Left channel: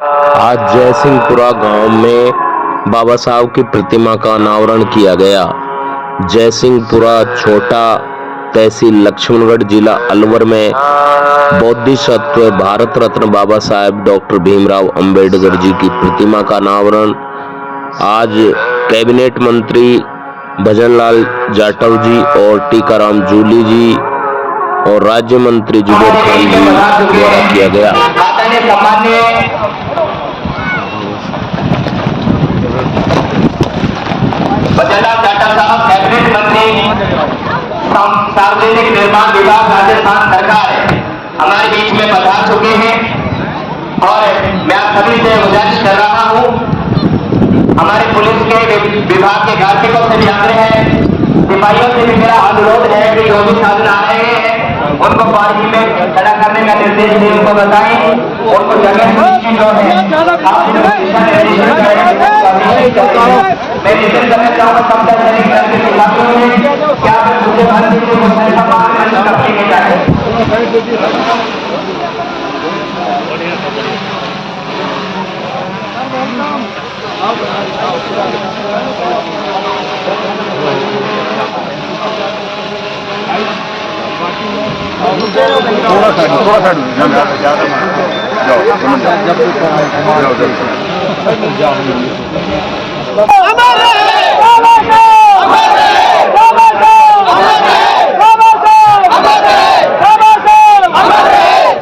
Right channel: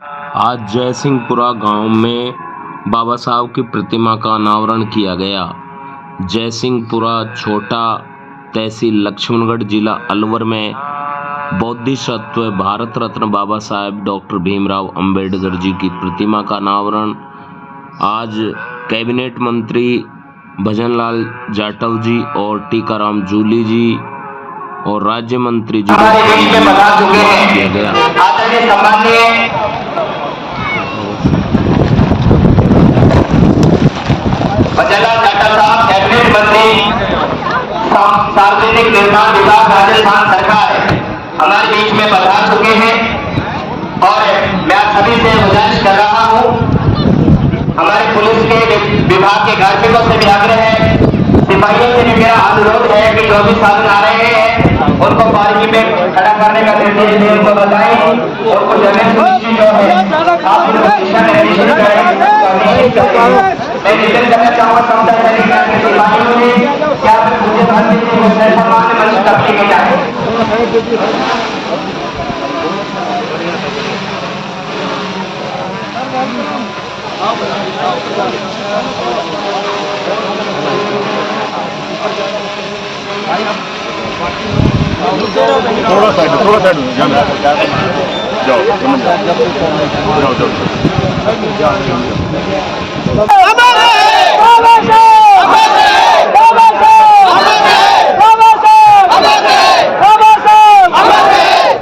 आज जयसिंहपुरा गांव में बाबा साहब की प्रतिमा का अनावरण किया गया। जयसिंहपुरा छोटा तहसील लक्ष्मणगढ़ जिला अलवर में बोधिसत्व भारत रत्न बाबा साहेब डॉक्टर भीमराव अंबेडकर जी की प्रतिमा का अनावरण आज कैबिनेट मंत्री भजनलाल जाटव जी और टीकाराम जूली जी और राज्य मंत्री जुबेर खान जी द्वारा किया गया। भजनलाल जाटव साहब कैबिनेट मंत्री सार्वजनिक निर्माण विभाग राजस्थान सरकार हमारे बीच में पधार चुके हैं और मैं आप सभी से गुजारिश कर रहा हूं, हमारे पुलिस के विभाग के कार्मिकों से भी आग्रह है, सिपाहियों से भी मेरा अनुरोध है कि जो भी साधन आ रहे हैं उनको पार्किंग में खड़ा करने का निर्देश दें, उनको बताएं, उनको जगह सुनिश्चित जो है मैं निश्चित करना चाहूँगा समझा जाएगा कि सिपाहियों ने क्या मुझे भारतीय सामान मंच करने के जाए।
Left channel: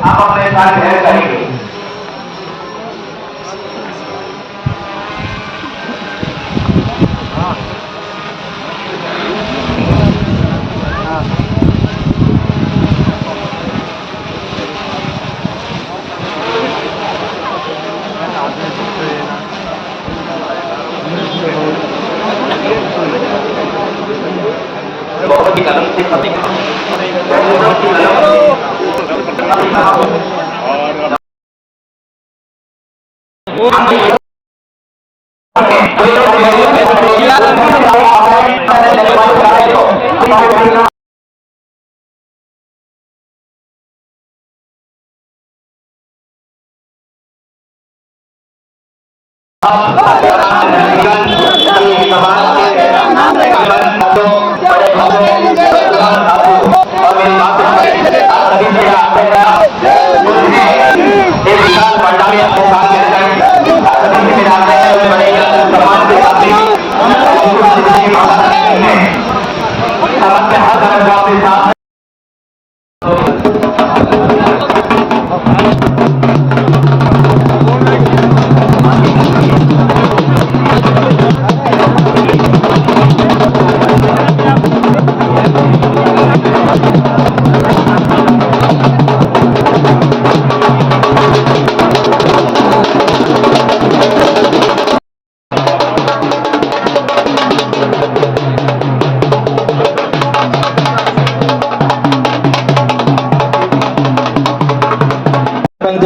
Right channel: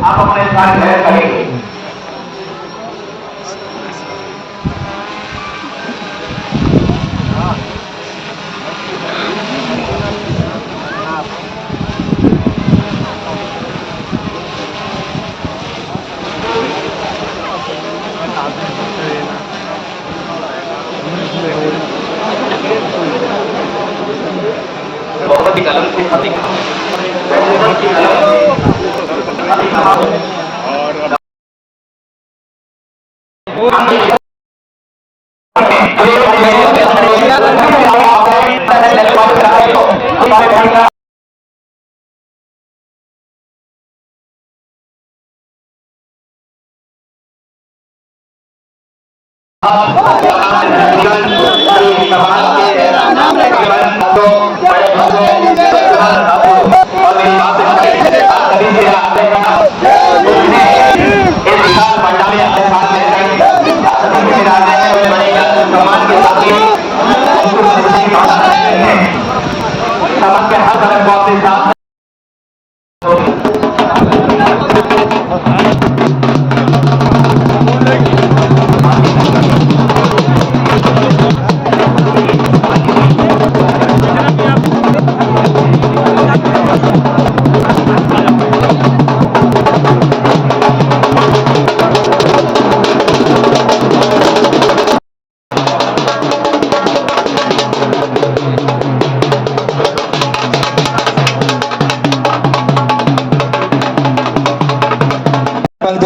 आप अपने साथ करेंगे। बहुत ही कदम से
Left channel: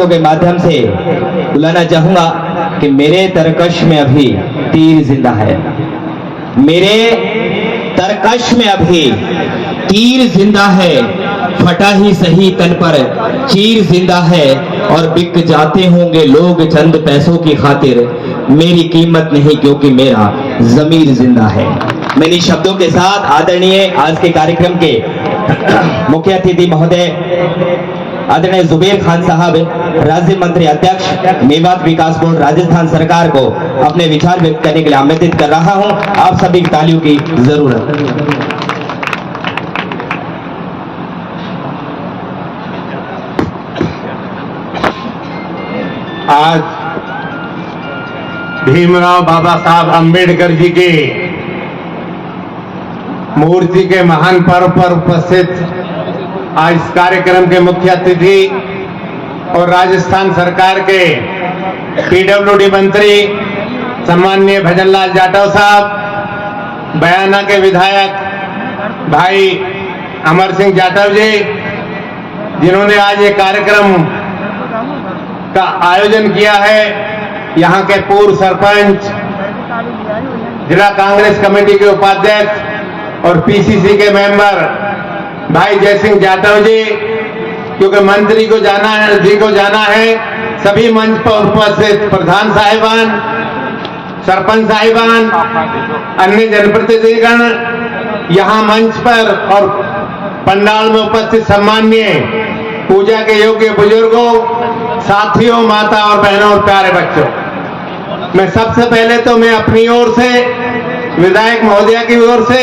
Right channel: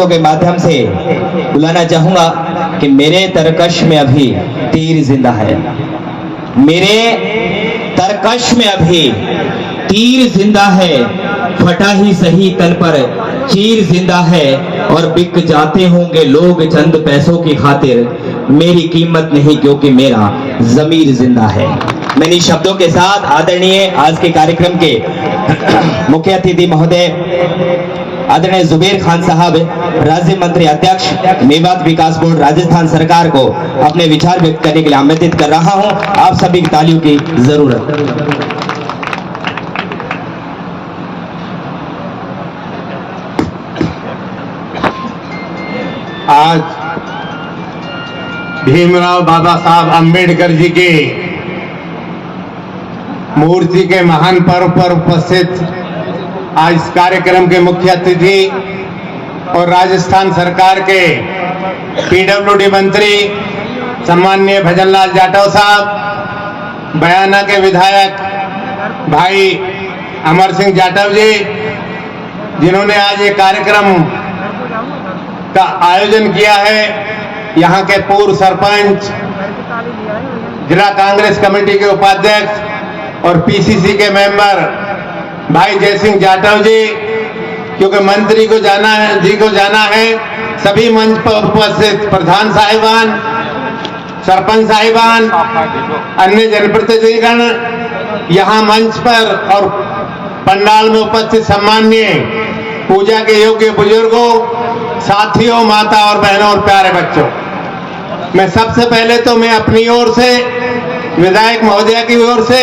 के माध्यम से बुलाना चाहूंगा कि मेरे तरकश में अभी तीर जिंदा है, मेरे तरकश में अभी तीर जिंदा है, फटा ही सही तन पर चीर जिंदा है और बिक जाते होंगे लोग चंद पैसों की खातिर, मेरी कीमत नहीं क्योंकि मेरा जमीर जिंदा है। मैं इन शब्दों के साथ आदरणीय आज के कार्यक्रम के मुख्य अतिथि महोदय आदरणीय जुबेर खान साहब, राज्य मंत्री अध्यक्ष मेवात विकास बोर्ड राजस्थान सरकार को अपने विचार व्यक्त करने के लिए आमंत्रित कर रहा हूं। आप सभी की तालियों की जरूरत। आज भीमराव बाबा साहब अंबेडकर जी के मूर्ति के महान पर्व पर उपस्थित आज इस कार्यक्रम के मुख्य अतिथि और राजस्थान सरकार के पीडब्ल्यूडी मंत्री सम्माननीय भजनलाल जाटव साहब, बयाना के विधायक भाई अमर सिंह जाटव जी, जिन्होंने आज ये कार्यक्रम का आयोजन किया है, यहाँ के पूर्व सरपंच, जिला कांग्रेस कमेटी के उपाध्यक्ष और पीसीसी के मेंबर भाई जयसिंह जाटव जी, क्योंकि मंत्री को जाना है, जी को जाना है, सभी मंच पर उपस्थित प्रधान साहिबान, सरपंच साहिबान, अन्य जनप्रतिनिधिगण, यहाँ मंच पर और पंडाल में उपस्थित सम्माननीय पूजा के योग्य बुजुर्गों, साथियों, माता और बहनों और प्यारे बच्चों, मैं सबसे पहले तो मैं अपनी ओर से, विधायक महोदया की ओर से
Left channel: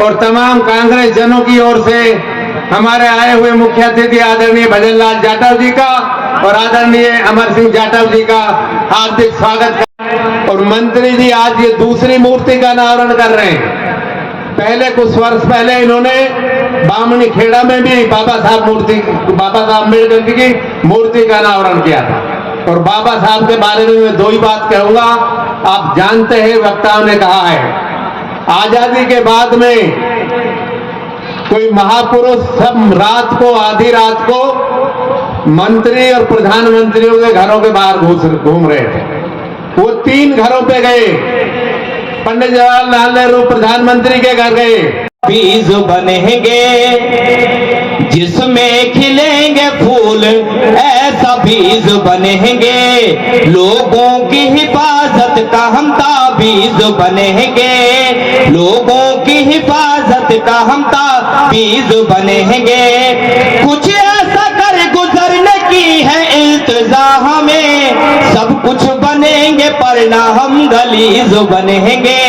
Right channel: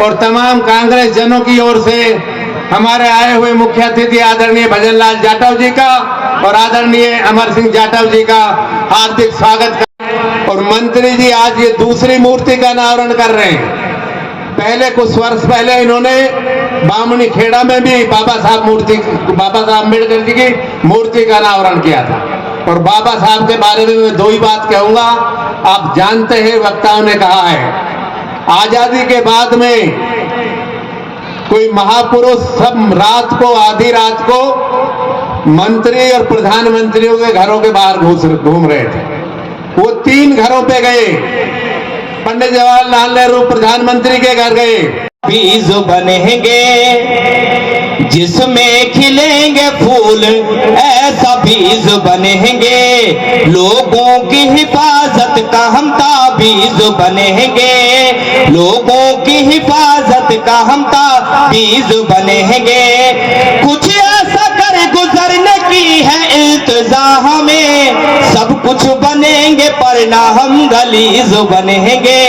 और तमाम कांग्रेस जनों की ओर से हमारे आए हुए मुख्य अतिथि आदरणीय भजनलाल जाटव जी का और आदरणीय अमर सिंह जाटव जी का हार्दिक स्वागत करते। और मंत्री जी आज ये दूसरी मूर्ति का अनावरण कर रहे हैं। पहले कुछ वर्ष पहले इन्होंने बामणी खेड़ा में भी बाबा साहब अम्बेडकर जी की मूर्ति का अनावरण किया था। और बाबा साहब के बारे में मैं दो ही बात कहूंगा। आप जानते हैं, वक्ताओं ने कहा है, आजादी के बाद में कोई महापुरुष सब रात को, आधी रात को मंत्री और प्रधानमंत्रियों के घरों के बाहर घूम रहे थे। वो 3 घरों पे गए। पंडित जवाहरलाल नेहरू प्रधानमंत्री के घर गए। बीज बनेंगे जिसमें खिलेंगे फूल, ऐसा बीज बनेंगे। लोगों की हिफाजत का हम ताबीज बनेंगे। लोगों की हिफाजत का हम ताबीज बनेंगे। कुछ ऐसा कर गुजरने की है इल्तिजा हमें। सब कुछ बनेंगे पर ना हम गलीज बनेंगे।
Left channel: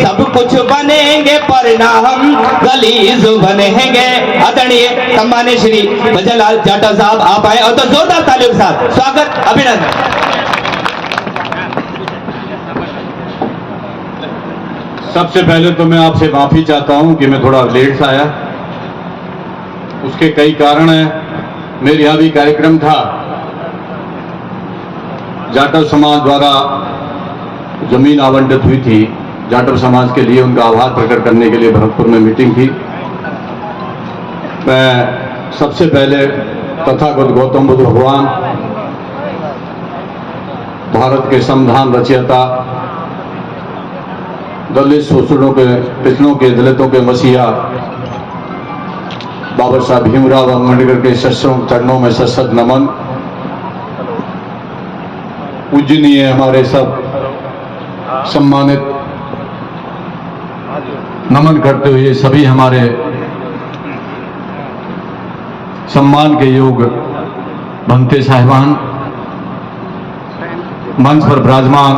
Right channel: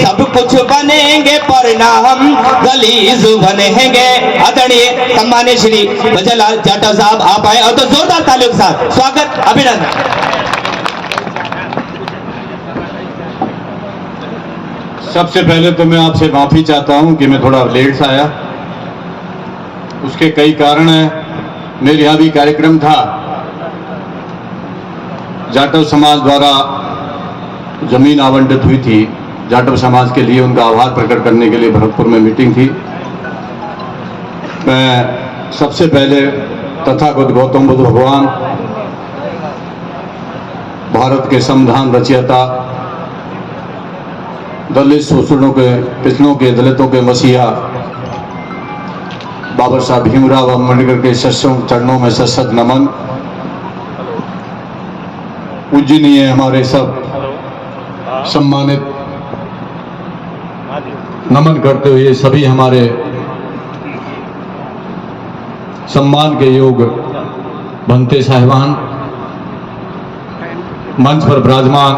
सब कुछ बनेंगे पर ना हम गलीज बनेंगे। आदरणीय सम्मान्य श्री भजनलाल जाटव साहब आप आए और तो जोरदार तालियों के साथ स्वागत, अभिनंदन। सबसे पहले तो मैं आपसे माफी चाहता हूं कि मैं थोड़ा लेट से आया। उसके कई कारण हैं। मेरे यहाँ भी कार्यक्रम था। जाटव समाज द्वारा जमीन आवंटित हुई थी। जाटव समाज के लिए उनका आभार प्रकट करने के लिए भरतपुर में मीटिंग थी। मैं सबसे पहले तथागत गौतम बुद्ध भगवान, भारत के संविधान रचयिता, दलित शोषणों के, पिछड़ों के, दलितों के मसीहा बाबा साहब भीमराव अम्बेडकर के चरणों में सशक्त नमन। पूजनीय हमारे सब सम्मानित, नमन करते हुए सभी हमारे सम्मान के योग भंते साहिबान, मंच पर विराजमान,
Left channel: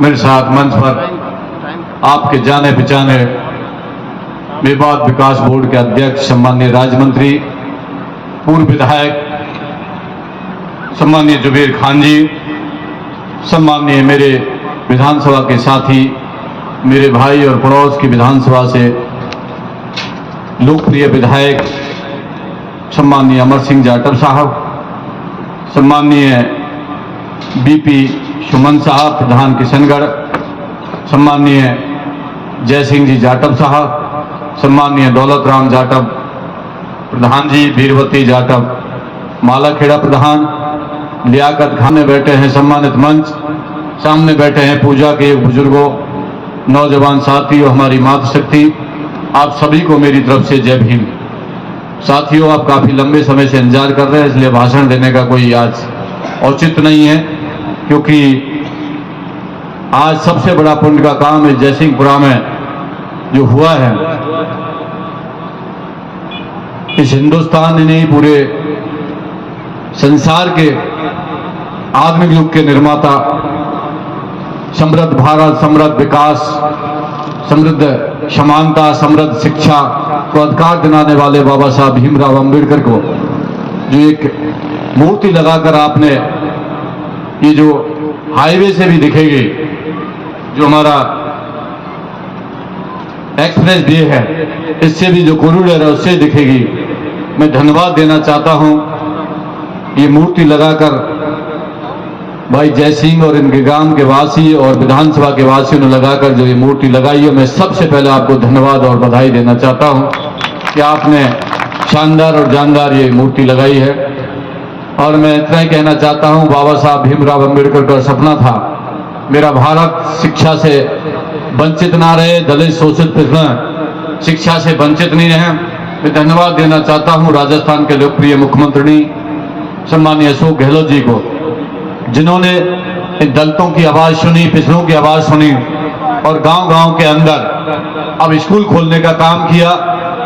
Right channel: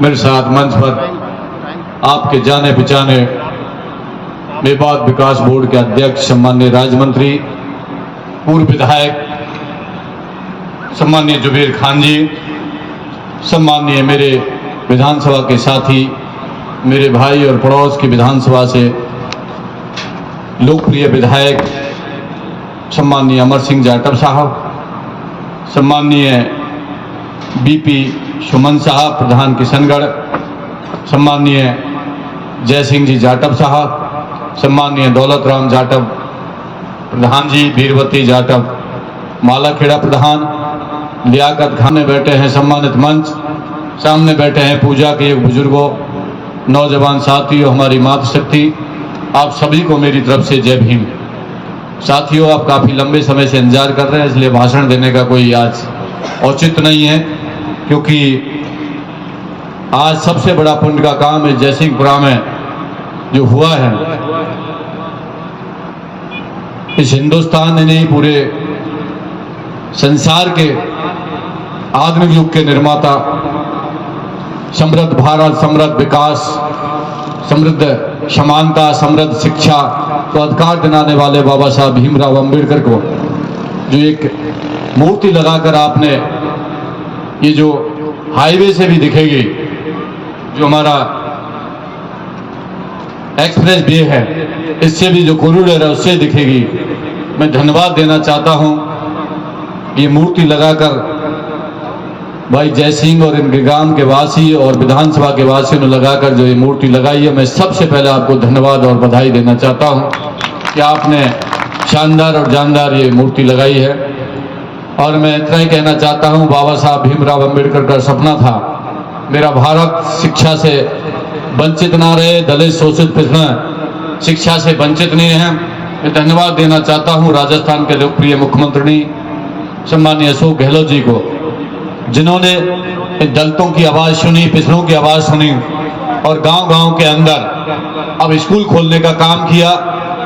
मेरे साथ मंच पर आपके जाने पहचाने मेवात विकास बोर्ड के अध्यक्ष सम्माननीय राज्य मंत्री, पूर्व विधायक सम्माननीय जुबेर खान जी, सम्माननीय मेरे विधानसभा के साथी, मेरे भाई और पड़ोस की विधानसभा से लोकप्रिय विधायक सम्माननीय अमर सिंह जाटव साहब, सम्माननीय बीपी सुमन साहब प्रधान किशनगढ़, सम्माननीय जय सिंह जी जाटव साहब, सम्माननीय दौलत राम जाटव प्रधान जी, वीरवती जाटव मालाखेड़ा प्रधान, लियाकत खान में बैठे हैं सम्मानित मंच, सामने बैठे हैं पूजा के बुजुर्गों, नौजवान साथियों, हमारी मातृशक्ति, आप सभी को मेरी तरफ से जय भीम। साथियों, आप काफी लंबे समय से इंतजार कर रहे हैं, इसलिए भाषण देने का कोई आज औचित्य नहीं है, क्योंकि आज सबसे बड़ा पुण्य का काम है जयसिंहपुरा में जो हुआ है। इस हिंदुस्तान ने नहीं, पूरे संसार के आधुनिक युग के निर्माता, समृद्ध भारत, समृद्ध विकास, समृद्ध समानता, समृद्ध शिक्षा को अधिकार दिलाने वाले बाबा साहब भीमराव अम्बेडकर को जो एक मूर्ति लगाकर आपने, ये जो हाईवे से भी दिखेगी, जो हमारा एक्सप्रेस वे है, इससे भी जो कॉरिडोर है उससे दिखेगी। मैं धन्यवाद देना चाहता हूं। ये मूर्ति लगाकर भाई जय सिंह और इनके गांव के वासी और विधानसभा के वासियों ने लगाकर जो ये मूर्ति लगाई है, मैं सबसे पहले आपको धन्यवाद और बधाई देना चाहता हूं कि आपने शानदार और जानदार ये मूर्ति लगाई है। और मैं इतना ही कहना चाहता हूं, बाबा साहब भीमराव अम्बेडकर का सपना था मेरा भारत शिक्षा से वंचित ना रहे, दलित शोषित पिछड़ा शिक्षा से वंचित नहीं है। मैं धन्यवाद देना चाहता हूं राजस्थान के लोकप्रिय मुख्यमंत्री सम्मानीय अशोक गहलोत जी को, जिन्होंने इन दलितों की आवाज़ सुनी, पिछड़ों की आवाज़ सुनी और गांव-गांव के अंदर अब स्कूल खोलने का काम किया,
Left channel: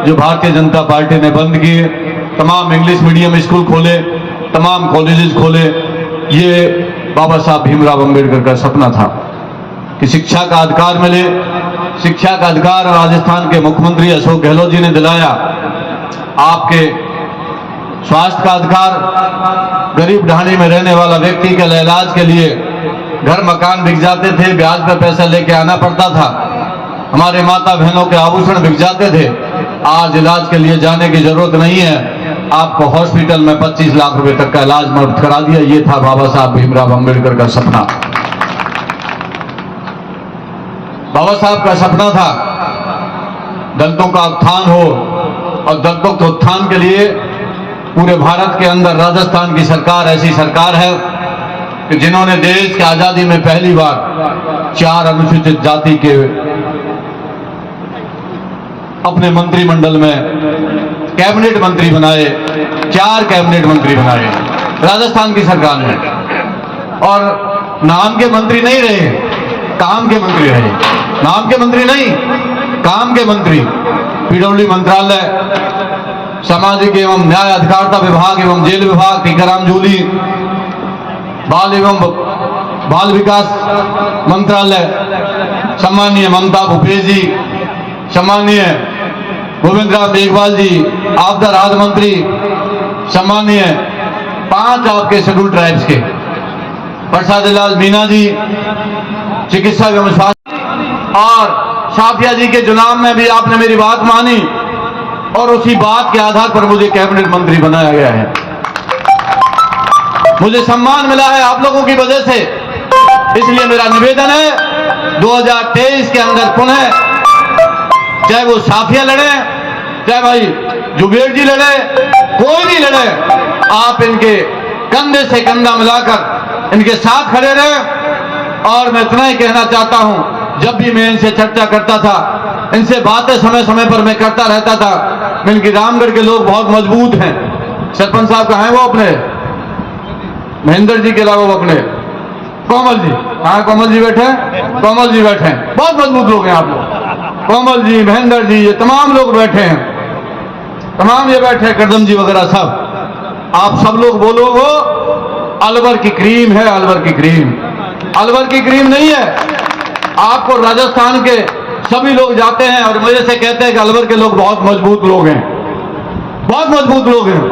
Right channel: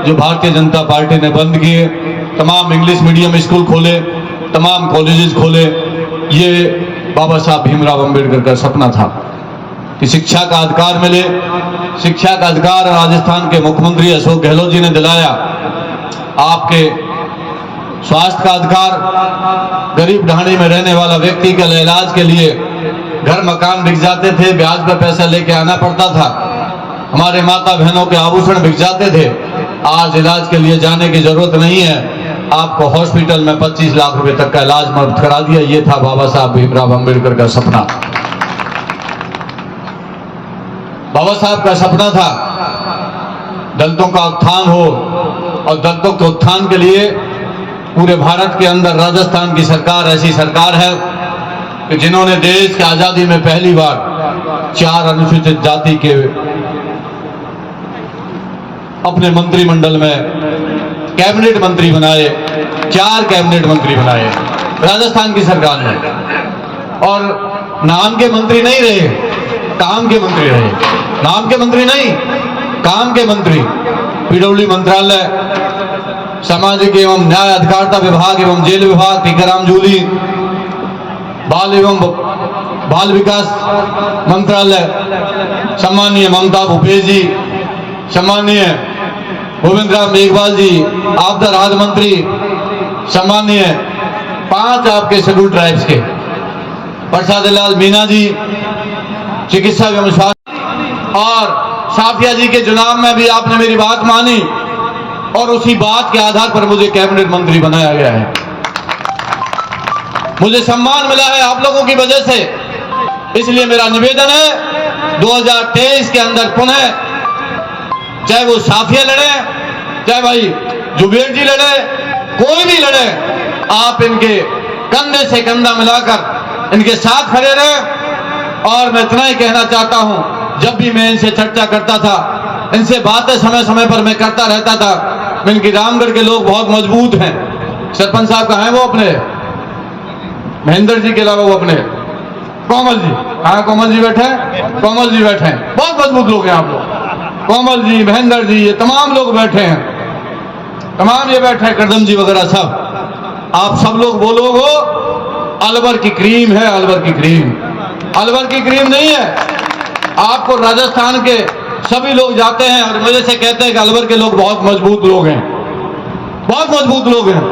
जो भारतीय जनता पार्टी ने बंद किए। तमाम इंग्लिश मीडियम स्कूल खोले, तमाम कॉलेजेस खोले। ये बाबा साहब भीमराव अंबेडकर का सपना था कि शिक्षा का अधिकार मिले। शिक्षा का अधिकार राजस्थान के मुख्यमंत्री अशोक गहलोत जी ने दिलाया। आपके स्वास्थ्य का अधिकार, गरीब ढाणी में रहने वाला व्यक्ति के इलाज के लिए घर मकान बिक जाते थे, ब्याज पर पैसा लेके आना पड़ता था। हमारे माता बहनों के आभूषण बिक जाते थे। आज इलाज के लिए जाने की जरूरत नहीं है। आपको हॉस्पिटल में 25 लाख रुपए तक का इलाज मुफ्त करा दिया। ये था बाबा साहब भीमराव अंबेडकर का सपना। बाबा साहब का सपना था दलितों का उत्थान हो, और दलितों के उत्थान के लिए पूरे भारत के अंदर राजस्थान की सरकार ऐसी सरकार है कि जिन्होंने देश की आजादी में पहली बार 4 अनुसूचित जाति के अपने मंत्रिमंडल में कैबिनेट मंत्री बनाए। 4 कैबिनेट मंत्री बनाए राजस्थान की सरकार ने, और नाम के मंत्री नहीं रहे, काम के मंत्री रहे। नाम के मंत्री नहीं, काम के मंत्री। पीडब्ल्यूडी मंत्रालय, सामाजिक एवं न्याय अधिकारिता विभाग एवं जेल विभाग, टीकाराम जूली, बाल एवं बाल विकास मंत्रालय, सम्मानीय ममता भूपेश जी, सम्मानीय गोविंद राम मेघवाल जी, आपदा राहत मंत्री, सम्मानीय 5 आपके शेड्यूल ट्राइब्स के, प्रसाद लाल मीना जी, चिकित्सा एवं स्वास्थ्य, और साफिया जी के चुनाव में भी आपने मेरी बात मानी और उसी बात के आधार पर मुझे कैबिनेट मंत्री बनाया गया है। मुझे सम्मान मिला है आप लोगों की वजह से। इसलिए मेरा निवेदन है 2023 के अंदर पुनः, चाहे वो साफिया लड़े, चाहे भाई जुबेर जी लड़े, कोई भी लड़े, आप इनके कंधे से कंधा मिलाकर इनके साथ खड़े रहे। और मैं इतना ही कहना चाहता हूं, जब भी मैं इनसे चर्चा करता था, इनसे बातें समय समय पर मैं करता रहता था, इनके रामगढ़ के लोग बहुत मजबूत हैं। सरपंच साहब कहाँ हैं? वो अपने महेंद्र जी के अलावा वो अपने कोमल जी, हाँ कोमल जी बैठे हैं, कोमल जी बैठे हैं, बहुत मजबूत लोग हैं आप लोग। कोमल जी, महेंद्र जी, ये तमाम लोग बैठे हैं, तमाम ये बैठे हैं, करदम जी वगैरह सब। आप सब लोग बोलो वो अलवर की क्रीम है, अलवर की क्रीम। अलवर की क्रीम नहीं है। आपको राजस्थान के सभी लोग जाते हैं और मेरे से कहते हैं कि अलवर के लोग बहुत मजबूत लोग हैं, बहुत मजबूत लोग हैं,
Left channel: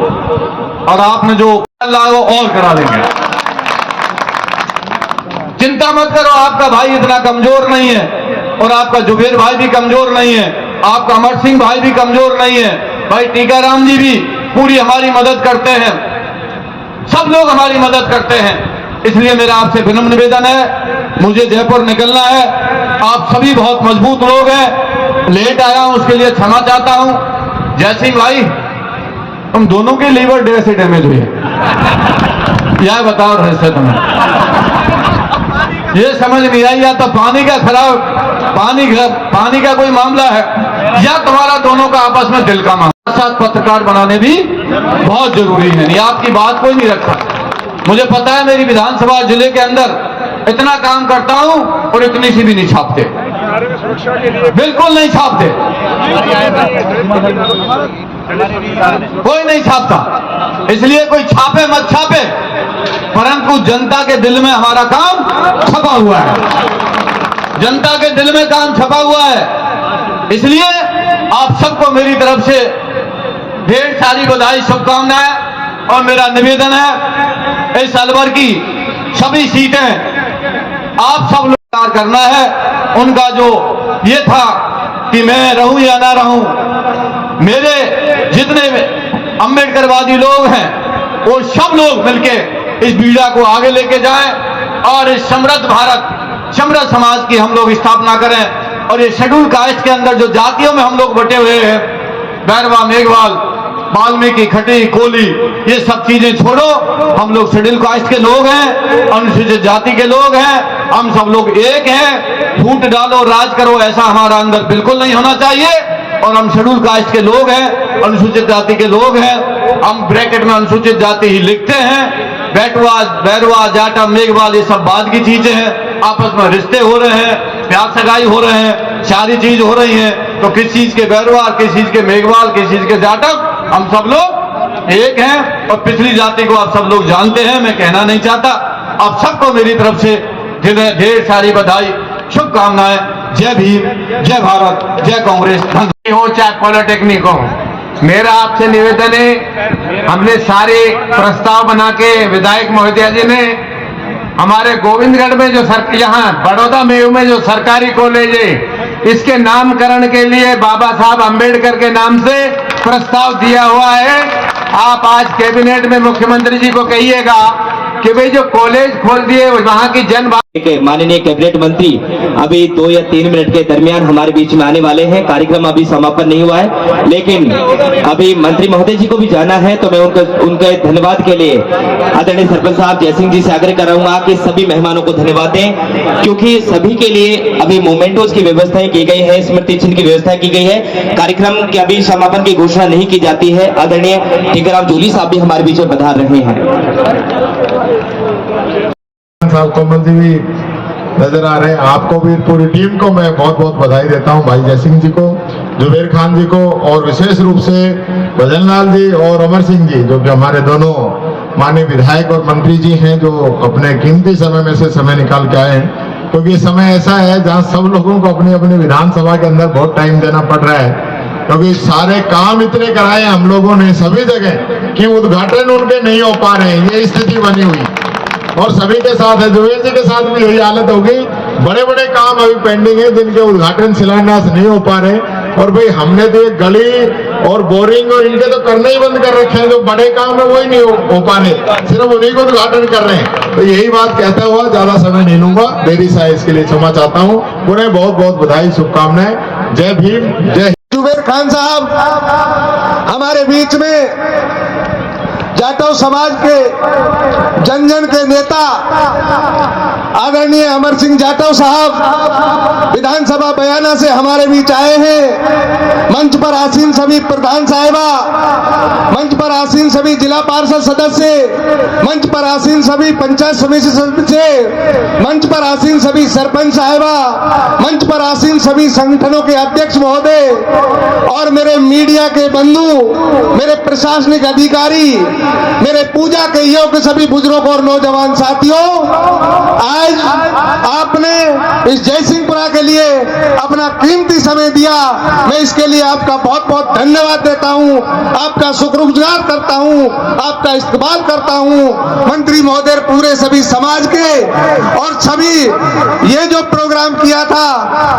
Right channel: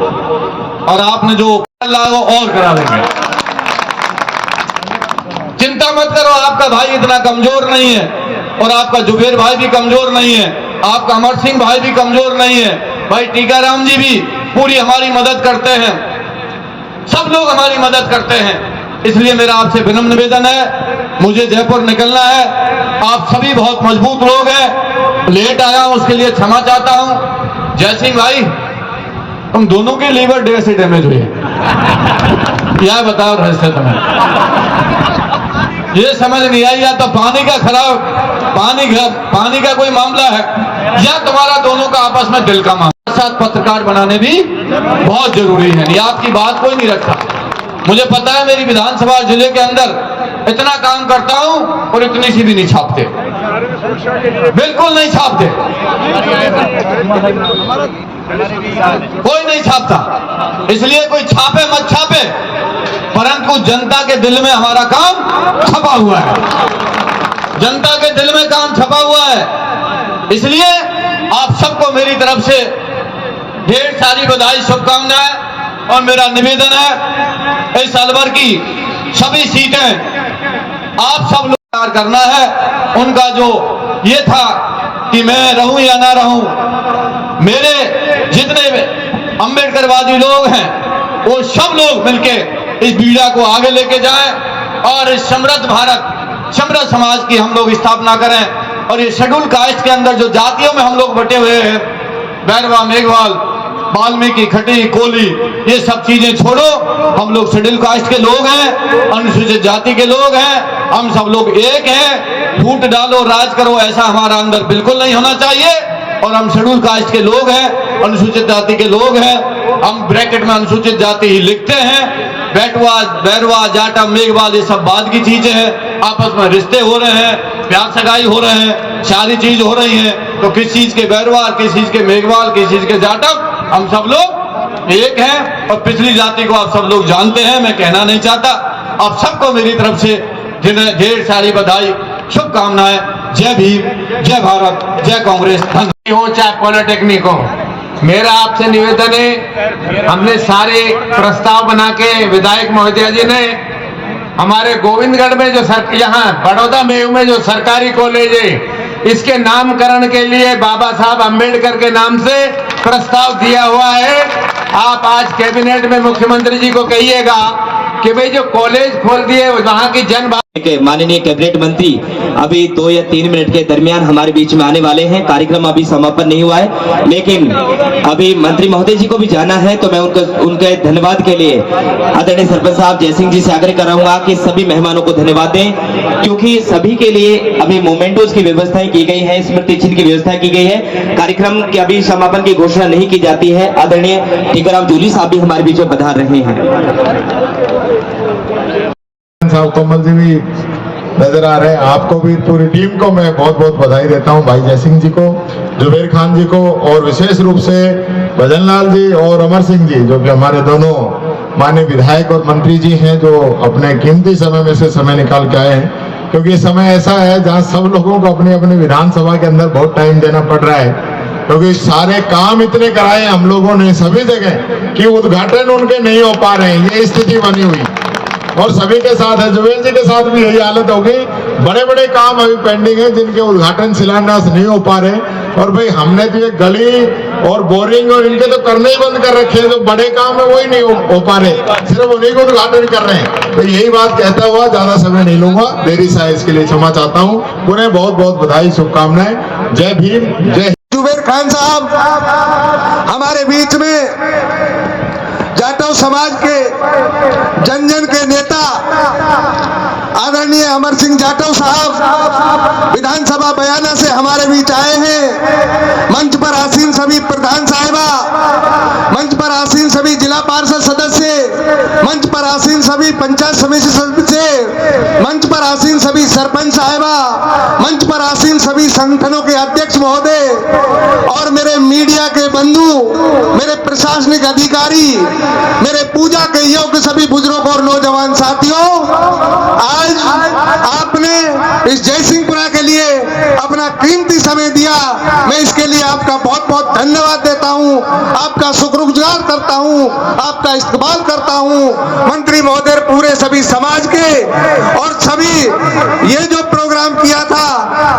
और आपने जो अल्लाह वो और करा लेंगे। चिंता मत करो, आपका भाई इतना कमजोर नहीं है, और आपका जुबेर भाई भी कमजोर नहीं है, आपका अमर सिंह भाई भी कमजोर नहीं है, भाई टीकाराम जी भी पूरी हमारी मदद करते हैं, सब लोग हमारी मदद करते हैं। इसलिए मेरा आपसे विनम्र निवेदन है, मुझे जयपुर निकलना है, आप सभी बहुत मजबूत लोग हैं, लेट आया हूं उसके लिए क्षमा चाहता हूं। जय सिंह भाई, तुम दोनों के लीवर से डैमेज हुई है, यह बताओ रहस्य तुम्हें, ये समझ नहीं आई, या तो पानी का खराब पानी का कोई मामला है, या तुम्हारा दोनों का आपस में दिल का मामला। साथ पत्रकार बनाने भी बहुत जरूरी है, ये आपकी बात कोई नहीं रखता। मुझे पता है मेरी विधानसभा जिले के अंदर इतना काम करता हूं और इतनी सी भी नहीं छापते, बिल्कुल नहीं छापते, कोई नहीं छापता। इसलिए कोई छापे मत छापे, परंतु जनता के दिल में हमारा काम छपा हुआ है, जनता के दिल में काम छपा हुआ है। इसलिए आप सबको मेरी तरफ से ढेर सारी बधाई, शुभकामनाएं, और मेरा निवेदन है इस अलवर की सभी सीटें आप सब लोग तैयार करना है। उनका जो ये था कि मैं रहूं या ना रहूं, मेरे जितने अम्बेडकरवादी लोग हैं वो सब लोग मिलके इस बीड़ा को आगे लेके जाएं और इस समृद्ध भारत, समृद्ध समाज की हम लोग स्थापना करें। और ये शेड्यूल कास्ट के अंदर जो जातियों में हम लोग बटे हुए हैं, बैरवा, मेघवाल, वाल्मीकि, खटी, कोली, ये सब चीजें छोड़ो, हम लोग शेड्यूल कास्ट के लोग हैं, अनुसूचित जाति के लोग हैं, हम सब लोग एक हैं। फूट डालो राज करो ऐसा हमारा अंदर बिल्कुल नहीं होना चाहिए। और हम शेड्यूल कास्ट के लोग हैं, अनुसूचित जाति के लोग हैं, हम ब्रैकेट में अनुसूचित जाति ही लिखते हैं। बैटवा, बैरवा, जाटा, मेघवाल ये सब बाद की चीजें हैं। आपस में रिश्ते हो रहे हैं, प्यार सगाई हो रहे हैं, सारी चीज हो रही है। तो किस चीज के बैरवा, किस चीज के मेघवाल, किस चीज के जाटक, हम सब लोग एक हैं। और पिछली जाति को आप सब लोग जानते हैं, मैं कहना नहीं चाहता। आप सबको मेरी तरफ से ढेर सारी बधाई, शुभकामनाएं। जय भीम, जय भारत, जय कांग्रेस। हो चाहे पॉलिटेक्निक हो, मेरा आपसे निवेदन है, हमने सारे प्रस्ताव बना के विधायक महोदय जी ने हमारे गोविंदगढ़ में जो यहाँ बड़ौदा में जो सरकारी कॉलेज है, इसके नामकरण के लिए बाबा साहब अंबेडकर के नाम से प्रस्ताव दिया हुआ है। आप आज कैबिनेट में मुख्यमंत्री जी को कहिएगा कि भाई जो कॉलेज खोल दिए वहाँ की माननीय कैबिनेट मंत्री अभी 2 या 3 मिनट के दरमियान हमारे बीच में आने वाले हैं। कार्यक्रम अभी समापन नहीं हुआ है, लेकिन अभी मंत्री महोदय जी को भी जाना है, तो मैं उनके धन्यवाद के लिए आदरणीय सरपंच साहब जयसिंह जी से आग्रह करूंगा कि सभी मेहमानों को धन्यवाद दें, क्योंकि सभी के लिए अभी मोमेंटोज की व्यवस्थाएं की गई है, स्मृति चिन्ह की व्यवस्था की गई है। कार्यक्रम के अभी समापन की घोषणा नहीं की जाती है। आदरणीय टीकाराम जूली साहब भी हमारे बीच में पधार रहे हैं। साहब कमल जी भी नजर आ रहे हैं। आपको भी, पूरी टीम को मैं बहुत बहुत बधाई देता हूं, भाई जयसिंह जी को, जुबेर खान जी को, और विशेष रूप से भजन लाल जी और अमर सिंह जी, जो कि हमारे दोनों माननीय विधायक और मंत्री जी हैं, जो अपने कीमती समय में से समय निकाल के आए हैं। क्योंकि समय ऐसा है जहां सब लोगों को अपने अपने विधानसभा के अंदर बहुत टाइम देना पड़ रहा है, क्योंकि सारे काम इतने कराए हम लोगों ने सभी जगह कि उद्घाटन उनके नहीं हो पा रहे हैं। ये स्थिति बनी हुई और सभी के साथ है, जुबेर जी के साथ भी यही हालत होगी। बड़े बड़े काम अभी पेंडिंग है जिनके उद्घाटन शिलान्यास नहीं हो पा रहे। और भाई हमने तो ये गली और बोरिंग और इनके तो करने ही बंद कर रखे हैं। जो बड़े काम है वही नहीं हो पा रहे, सिर्फ उन्हीं को उद्घाटन कर रहे हैं। तो यही बात कहता हुआ ज्यादा समय नहीं लूंगा, देरी से इसके लिए क्षमा चाहता हूँ। उन्हें बहुत बहुत बधाई, शुभकामनाएं। जय भीम, जय। जुबेर खान साहब हमारे बीच में जाटव समाज के जन जन के नेता आदरणीय अमर सिंह जाटव साहब विधानसभा बयाना से हमारे बीच आए हैं। मंच पर आसीन सभी प्रधान साहिबा, मंच पर आसीन सभी जिला पार्षद सदस्य, मंच पर आसीन सभी पंचायत समिति सदस्य, मंच पर आसीन सभी सरपंच साहिबा, मंच पर आसीन सभी संगठनों के अध्यक्ष महोदय और मेरे मीडिया के बंधु, मेरे प्रशासनिक अधिकारी, मेरे पूजा के योग्य सभी बुजुर्गों और नौजवान साथियों, आज आपने इस जयसिंहपुरा के लिए अपना कीमती समय दिया। मैं इसके लिए आपका बहुत बहुत धन्यवाद देता हूं, आपका शुक्रगुजार करता हूं, आपका इस्तकबाल करता हूं। मंत्री महोदय, पूरे सभी समाज के और सभी ये जो प्रोग्राम किया था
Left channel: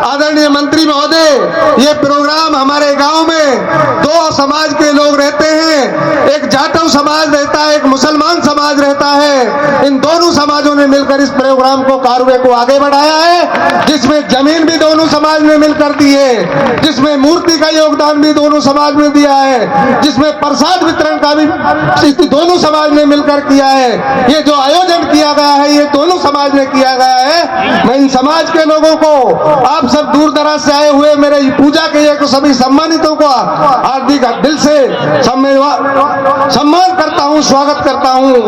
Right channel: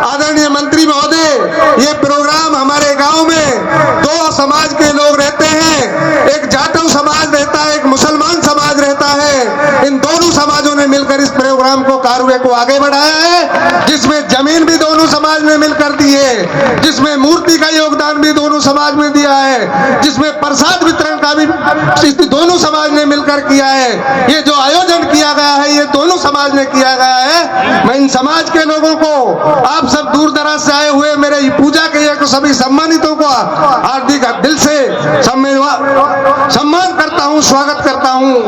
आदरणीय मंत्री महोदय, ये प्रोग्राम हमारे गांव में 2 समाज के लोग रहते हैं, एक जाटव समाज रहता है, एक मुसलमान समाज रहता है। इन दोनों समाजों ने मिलकर इस प्रोग्राम को, कार्य को आगे बढ़ाया है, जिसमें जमीन भी दोनों समाज ने मिलकर दी है, जिसमें मूर्ति का योगदान भी दोनों समाज ने दिया है, जिसमें प्रसाद वितरण का भी दोनों समाज ने मिलकर किया है। ये जो आयोजन किया गया है ये दोनों समाज ने किया गया है। मैं इन समाज के लोगों को, आप सब दूर दराज से आए हुए मेरे पूजा के ये सभी सम्मानितों को हार्दिक दिल से सम्मान करता हूं, स्वागत करता हूं।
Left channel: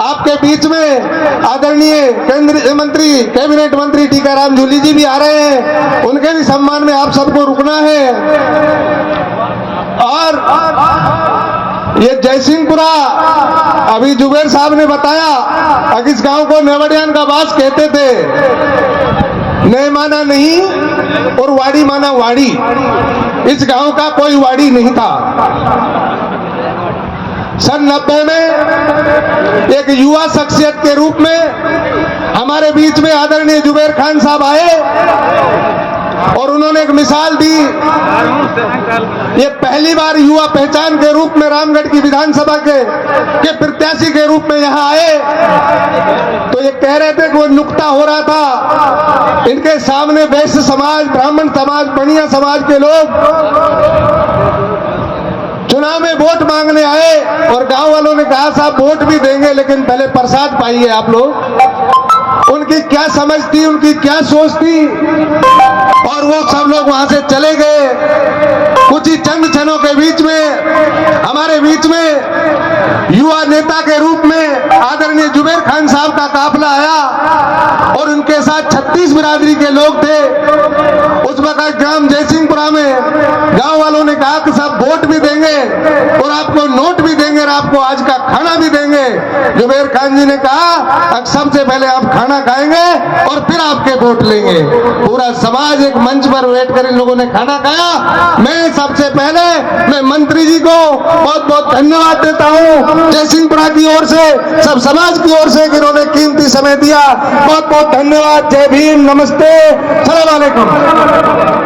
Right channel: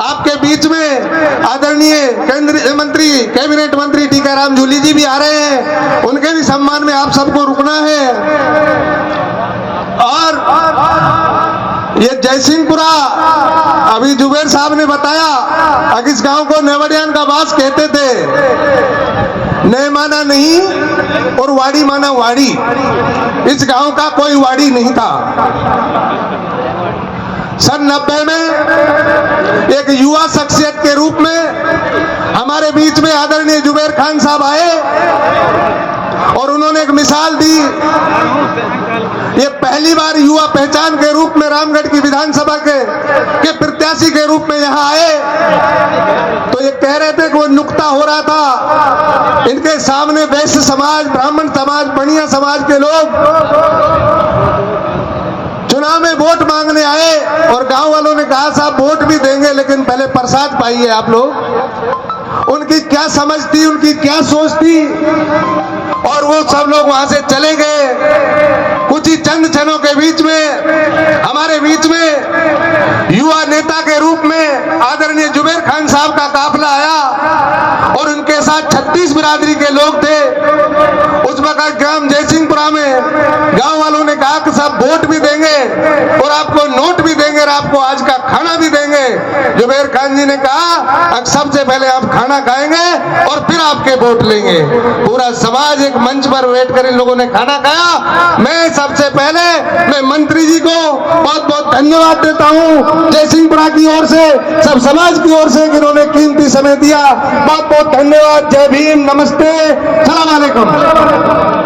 आपके बीच में आदरणीय केंद्रीय मंत्री, कैबिनेट मंत्री टीकाराम जूली जी भी आ रहे हैं, उनके भी सम्मान में आप सबको रुकना है। और ये जयसिंहपुरा, अभी जुबेर साहब ने बताया, इस गांव को नेवड़ियान का बास कहते थे। नए माना नहीं और वाड़ी माना वाड़ी। इस गांव का कोई वाड़ी नहीं था। सन 90 में एक युवा शख्सियत के रूप में हमारे बीच में आदरणीय जुबेर खान साहब आए और उन्होंने एक मिसाल दी। ये पहली बार युवा पहचान के रूप में रामगढ़ की विधानसभा के प्रत्याशी के रूप में यहाँ आए, तो ये कह रहे थे कि वो नुक्ता हो रहा था, इनके सामने वैश्य समाज, ब्राह्मण समाज, बनिया समाज के लोग चुनाव में वोट मांगने आए और गांव वालों ने कहा साहब वोट भी देंगे लेकिन पहले प्रसाद पाइए आप लोग। उनकी क्या समझ थी, उनकी क्या सोच थी, और वो सब लोग वहां से चले गए। कुछ ही चंद क्षणों के बीच में हमारे बीच में युवा नेता के रूप में आदरणीय जुबेर खान साहब का काफिला आया और उनके साथ 36 बिरादरी के लोग थे। उस वक्त ग्राम जयसिंहपुरा में गांव वालों ने कहा कि सब वोट भी देंगे और आपको नोट भी देंगे और आपको आज का खाना भी देंगे। जुबेर खान जी ने कहा सबसे पहले आप खाना खाएंगे और फिर आपके वोट लेंगे। पूरा समाज एक मंच पर बैठ कर इन लोगों ने खाना खाया। मैं सबसे पहले मैं मंत्री जी को बहुत बहुत धन्यवाद देता हूं जयसिंहपुरा की ओर से, सब समाज की ओर से, जिन्होंने कीमती समय दिया। बहुत बहुत धन्यवाद। जय भीम, नमस्ते, सलाम अलैकुम।